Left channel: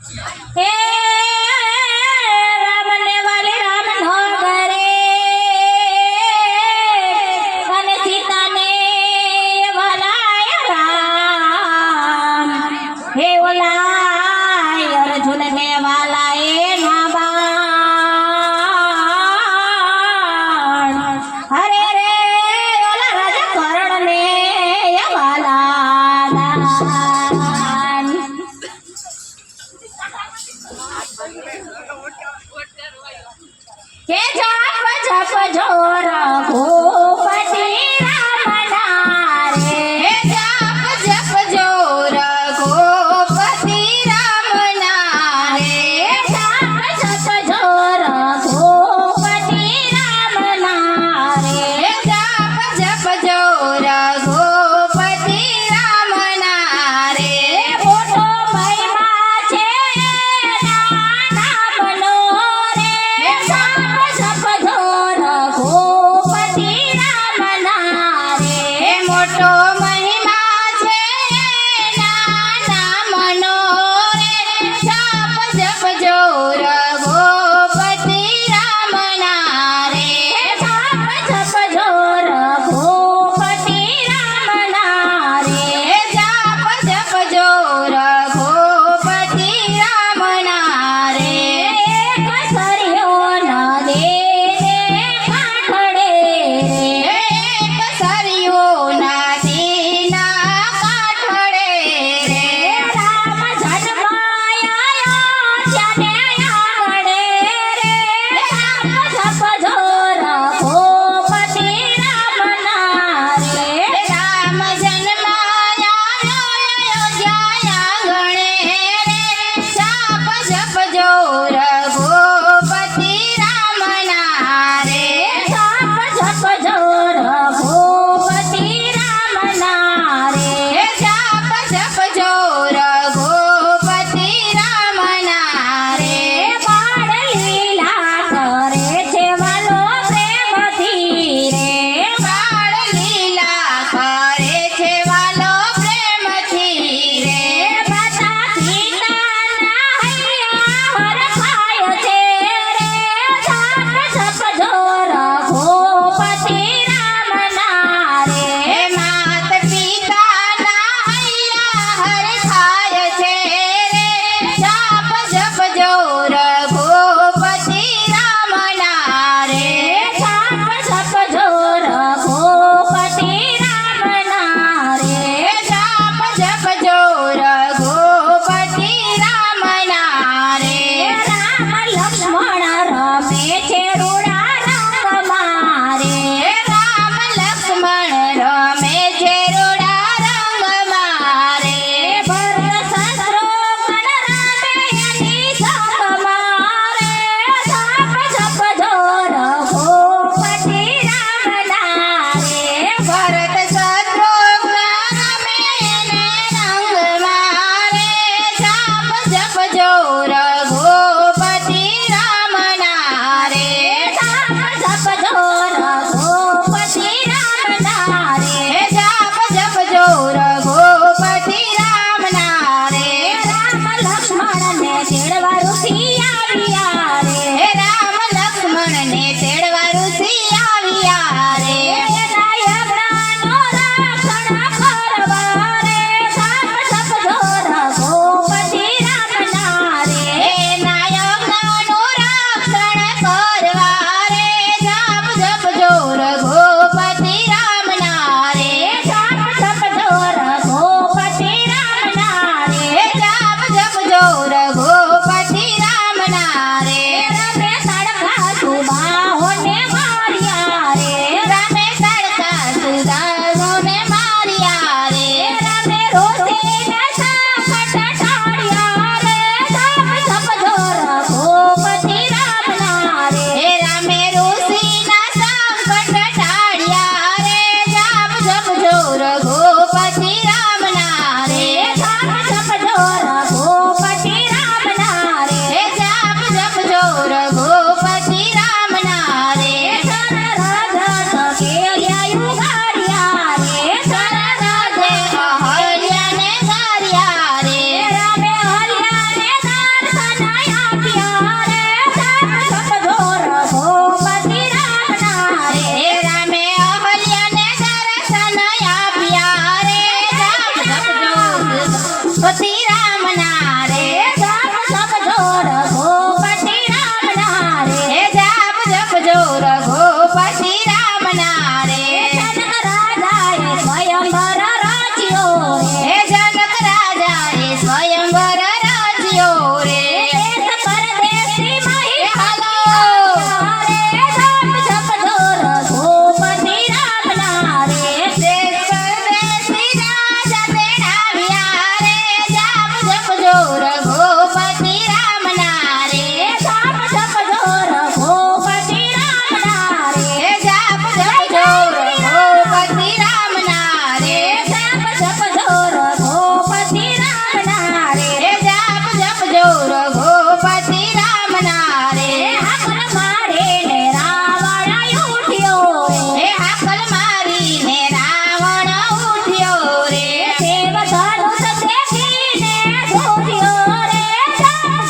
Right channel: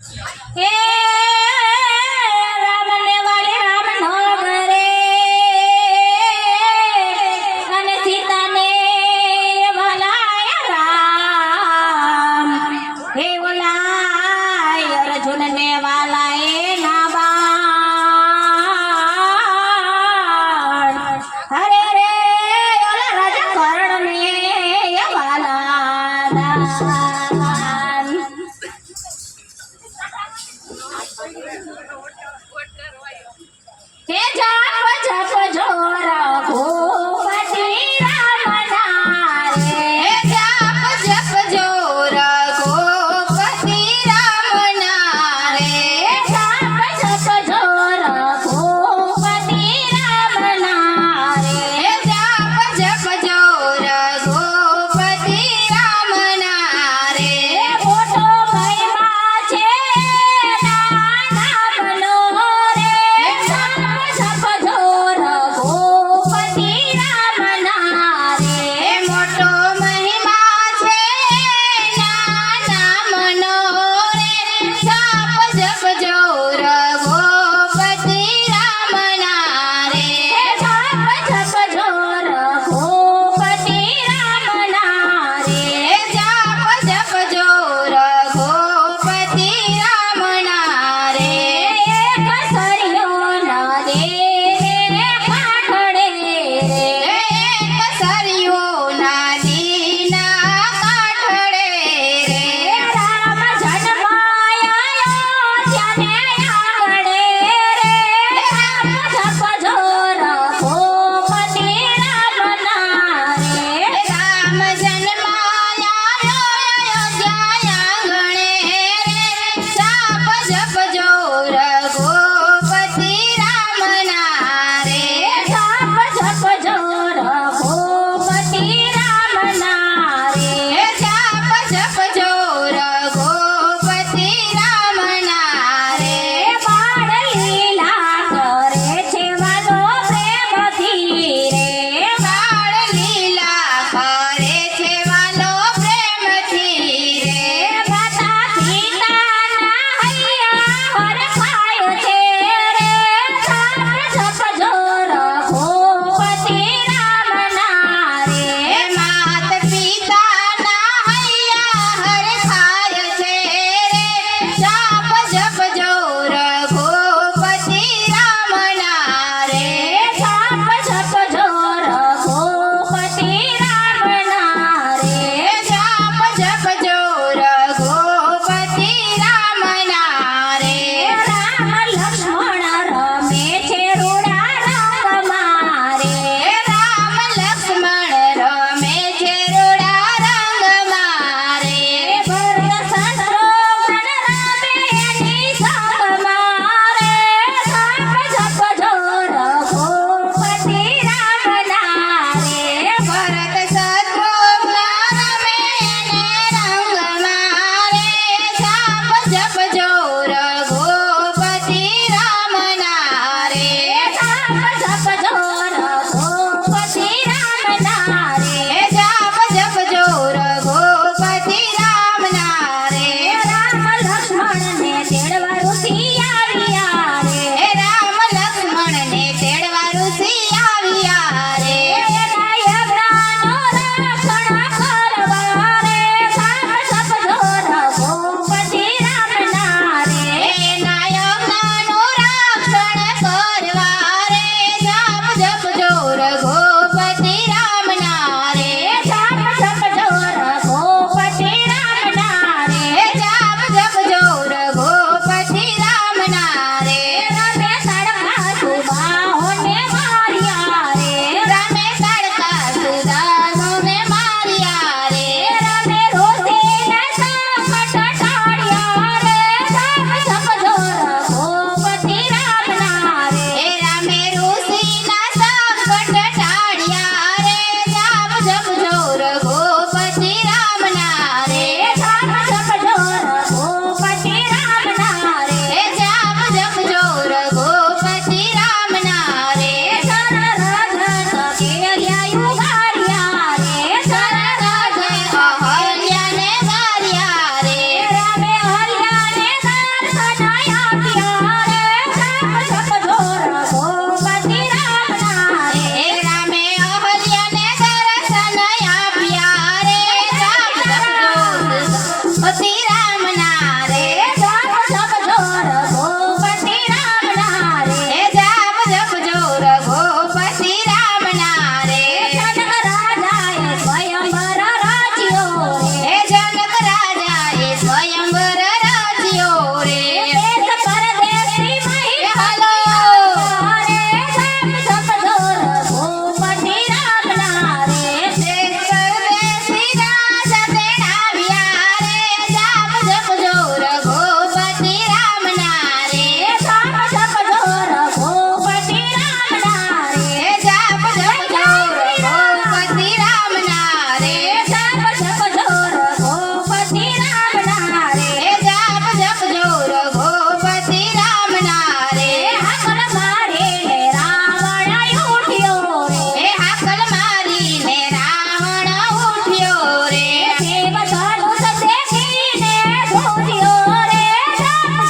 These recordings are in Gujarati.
હે રામને વાલે રામ નો કરે અને સીતાને વાલાય રામ હે ઓલાય અર્જુનને વાલાય ના બાણ હરે રે ઓલા રાજા કર્ણને વાલા દાન કે જપ જપ જોર ભૂપતિ રામ નારે જપ જપ જોર ગોપતિ રામ નારે જપ જપ જોર ભૂપતિ રામ નારે જપ જપ જોર ગોપતિ રામ નારે મોટો મહિમા છે નામનો રે જપ જપ જોર ભૂપતિ રામ નારે મોટો મહિમા છે નામનો રે જપ જપ જોર ગોપતિ રામ નારે જપ જપ જોર ભૂપતિ રામ નારે જપ જપ જોર ગોપતિ રામ નારે એક સરિયો નદીને કાંઠડે રે એક સરિયો નદીના કાંઠડે રે રામ જન્માયો ત્યાંને આંગણે રે જપ જપ જોર ભૂપતિ રામ નારે રામ જન્માયા અયોધ્યા આંગણે રે જપ જપ જોર ગોપતિ રામ નારે જપ જપ જોર ભૂપતિ રામ નારે જપ જપ જોર ગોપતિ રામ નારે બાળ લીલા કરે છે વાલો પ્રેમથી રે બાળ લીલા કરે છે વાલો પ્રેમથી રે માતા સીતાના હૈયા હરખાય છે રે જપ જપ જોર ભૂપતિ રામ નારે માત પિતાના હૈયા હરખાય છે રે જપ જપ જોર ગોપતિ રામ નારે જપ જપ જોર ભૂપતિ રામ નારે જપ જપ જોર ગોપતિ રામ નારે રામ લક્ષ્મણ રમે છે રૂડા રંગ મારે રામ લક્ષ્મણ રમે છે રૂડા રંગ મારે ભરત શત્રુઘ્ન રમે એની સંગ મારે જપ જપ જોર ભૂપતિ રામ નારે ભરત શત્રુઘ્ન રમે એને રંગ મારે જપ જપ જોર ગોપતિ રામ નારે જપ જપ જોર ભૂપતિ રામ નારે જપ જપ જોર ગોપતિ રામ નારે રામ લક્ષ્મણ ને તેડવા રૂસી આવ્યા રે રામ લક્ષ્મણ ને તેડવા ઋષિ આવ્યા રે નાયકરાનો રક્ષણ કરવા રે જપ જપ જોર ભૂપતિ રામ નારે નાયકનું રક્ષણ કરવા રે જપ જપ જોર ગોપતિ રામ નારે જપ જપ જોર ભૂપતિ રામ નારે જપ જપ જોર ગોપતિ રઘુપતિ રામના રે હાકલ મારીને રાવણ ઉઠ્યો રે હાકલ મારીને રાવણ ઉઠ્યો રે દેવ ધનુષ દેખીને ધોર્યો રે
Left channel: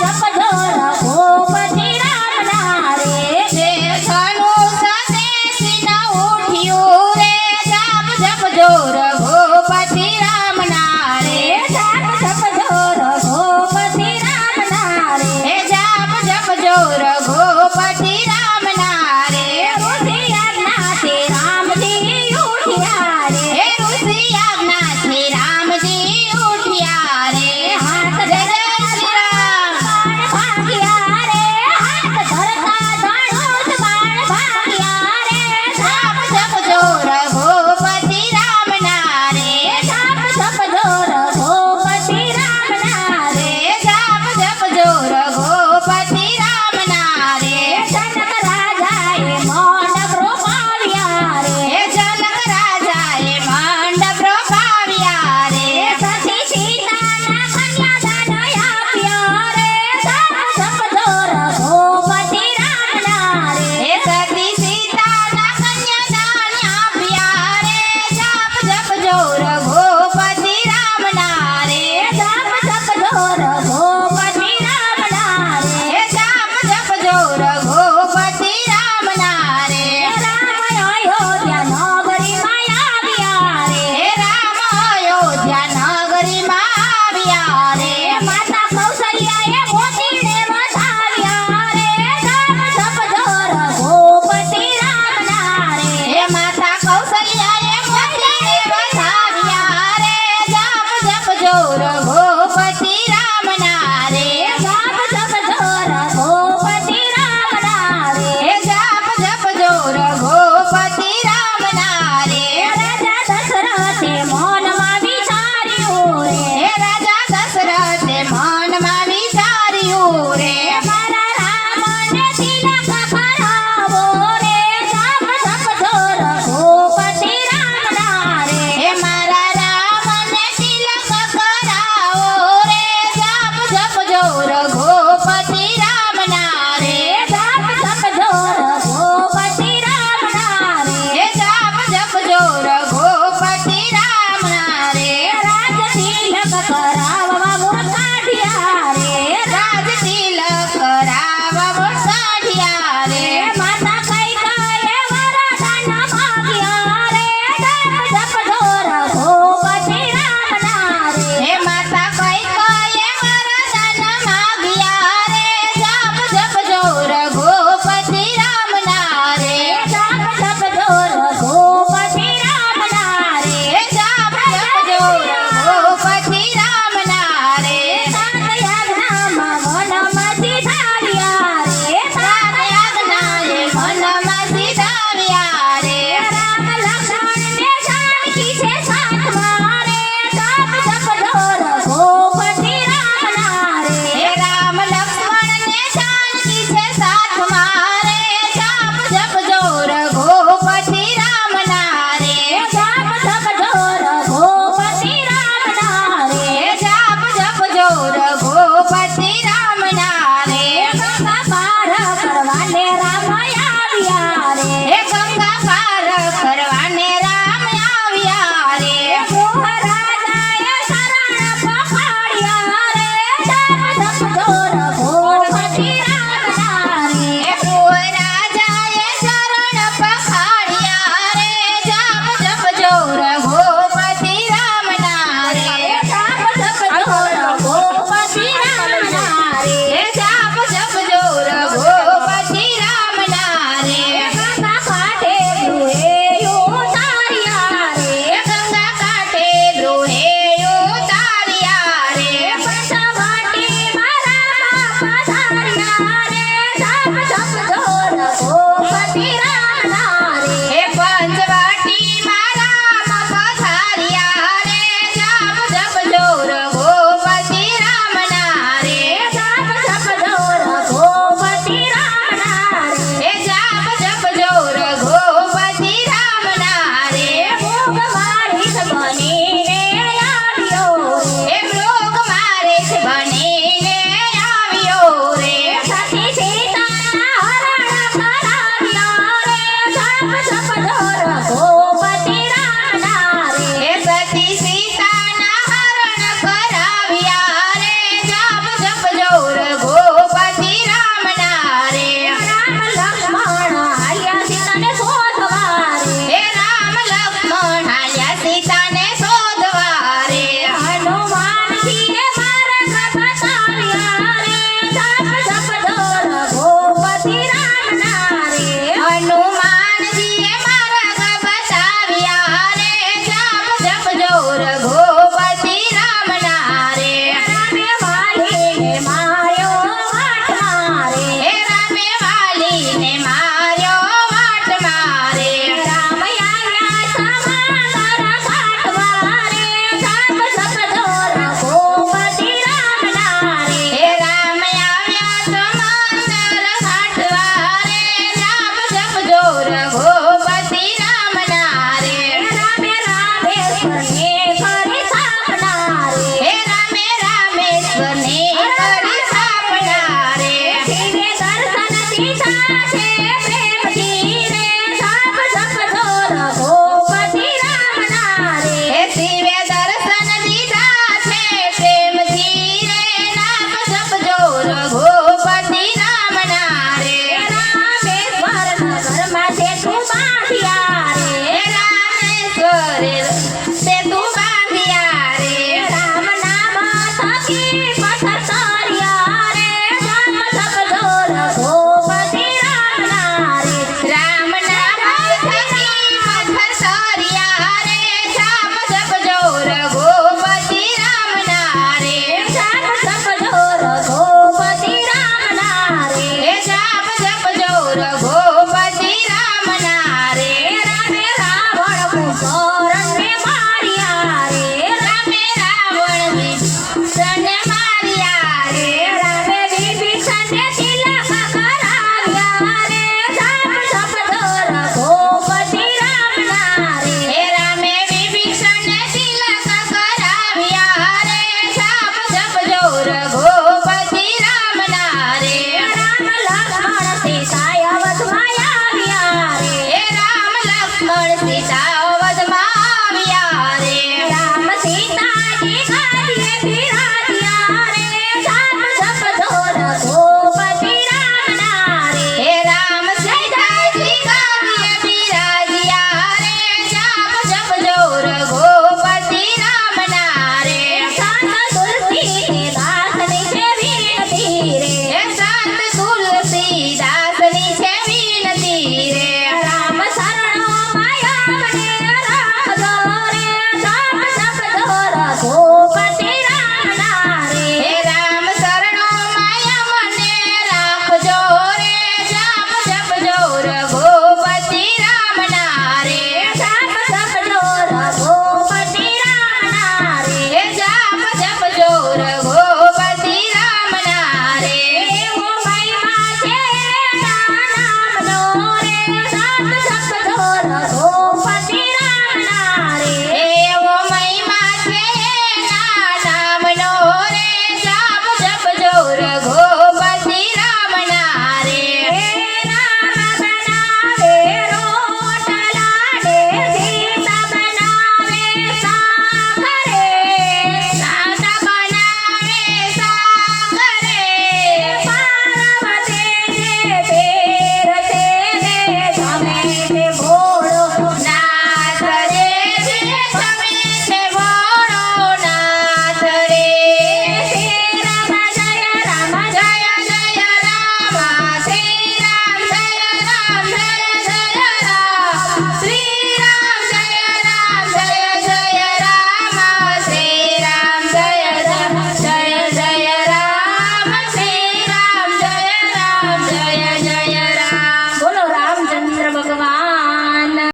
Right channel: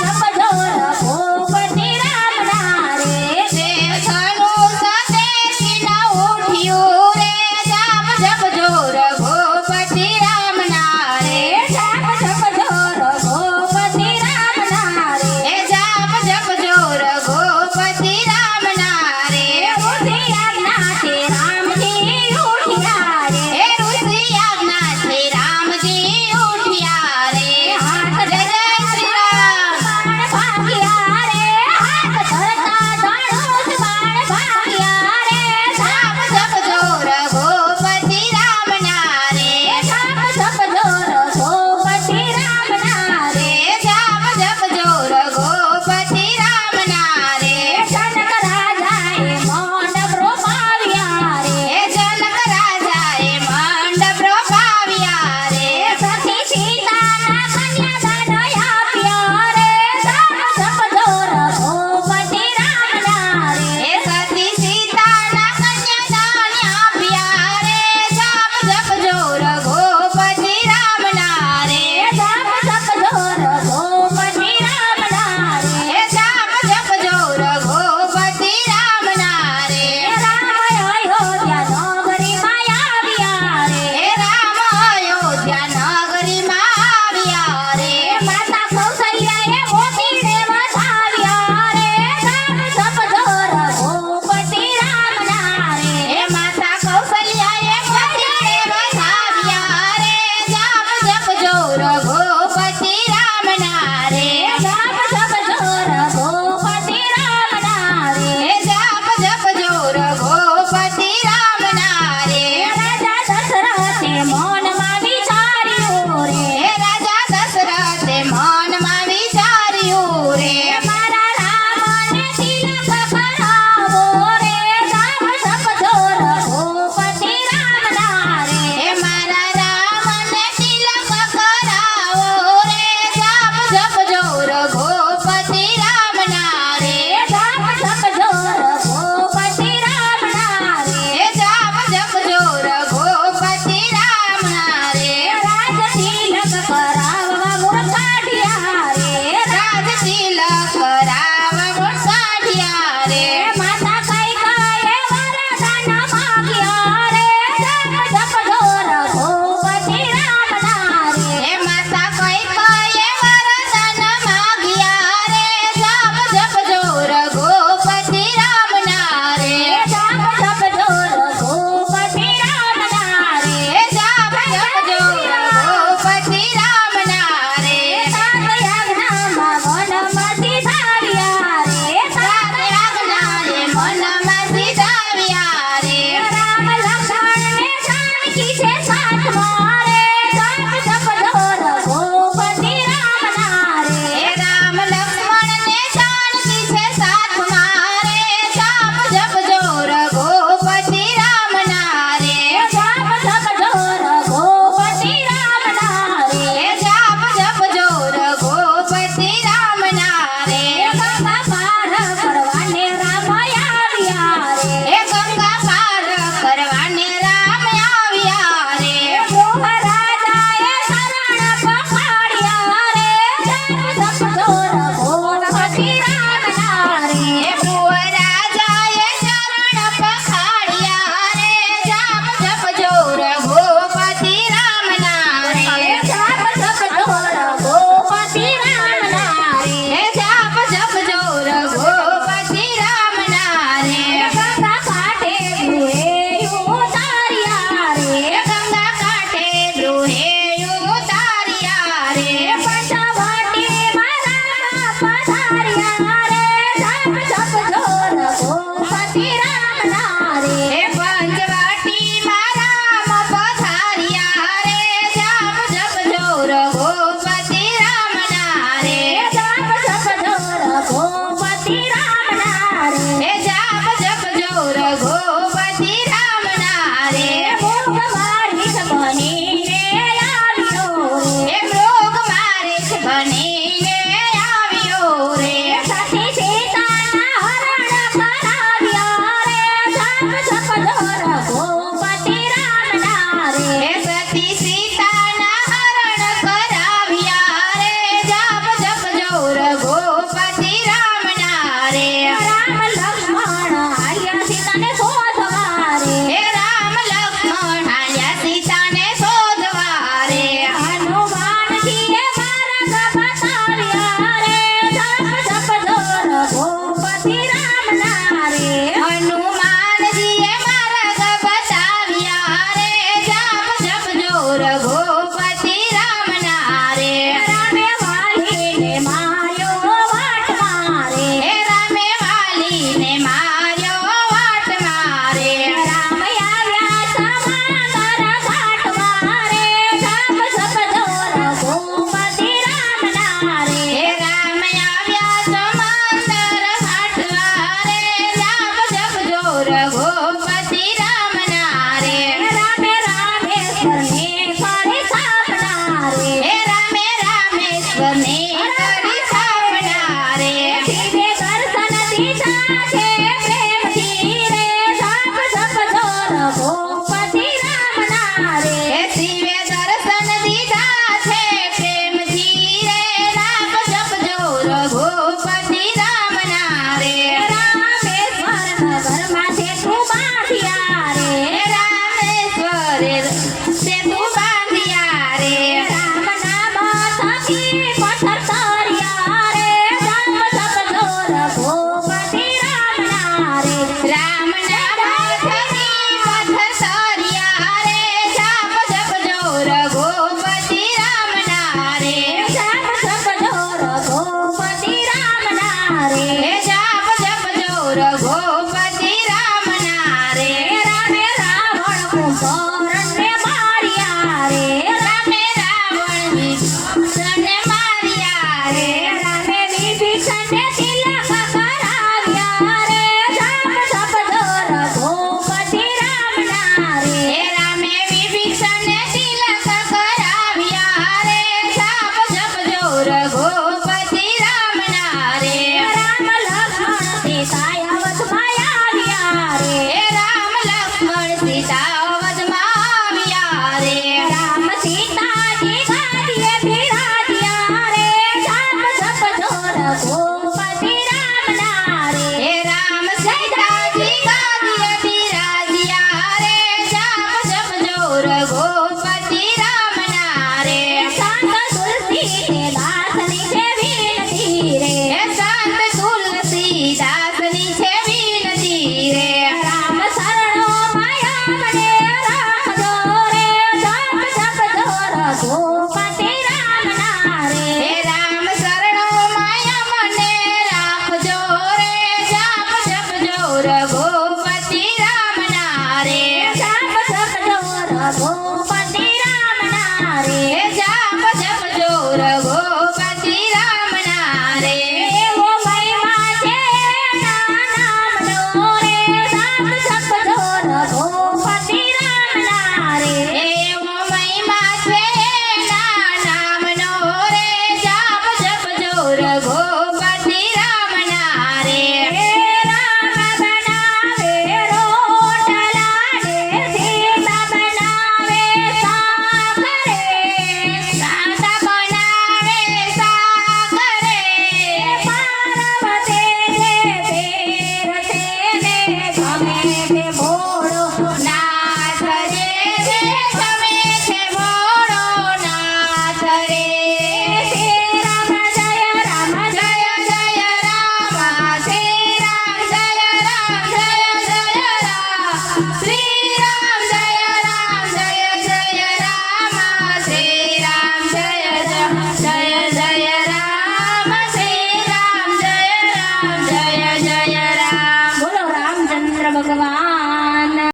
જપ જો રઘુપતિ રામના રે દેવ ધનુષ દેખીને ઉઠ્યું રે જાપ જપજો રઘુપતિ રામના રે જપ જો રઘુપતિ રામના રે જાપ જપજો રઘુપતિ રામના રે ઋષિ આજ્ઞાથી રામજી ઉઠ્યા રે ઋષિ આજ્ઞાથી રામજી ઉઠ્યા રે હાથ જય જય શ્રી રામ બાણ ભાગ્યા રે હાથ ધરતા ધનુષ બાણ ભાગ્યા રે જાપ જપજો રઘુપતિ રામના રે જાપ જપજો રઘુપતિ રામના રે જાપ જપજો રઘુપતિ રામના રે જનક રાજાએ મંડપ રોપાવ્યા રે જનક રાજાએ મંડપ રોપાવ્યા રે સતી સીતાના કન્યાદાન આપ્યા રે જાપ જપજો રઘુપતિ રામના રે સતી સીતાના કન્યાદાન આપ્યા રે જાપ જપજો રઘુપતિ રામના રે જાપ જપજો રઘુપતિ રામના રે જાપ જપજો રઘુપતિ રામના રે રામ અયોધ્યા નગરીમાં આવ્યા રે રામ અયોધ્યા નગરીમાં આવ્યા રે માતા કૌશલ્યાએ મોતીને વસાવ્યા રે જાપ જપજો રઘુપતિ રામના રે માતા કૌશલ્યાએ મોતીને વસાવ્યા રે જાપ જપજો રઘુપતિ રામના રે જાપ જપજો રઘુપતિ રામના રે જાપ જપજો રઘુપતિ રામના રે રાજા દશરથે મનમાં વિચાર્યું રે રાજા દશરથે મનમાં વિચાર્યું રે મારા રામને તિલક કરાવો રે જાપ જપજો રઘુપતિ રામના રે મારા રામને તિલક કરાવો રે જાપ જપજો રઘુપતિ રામના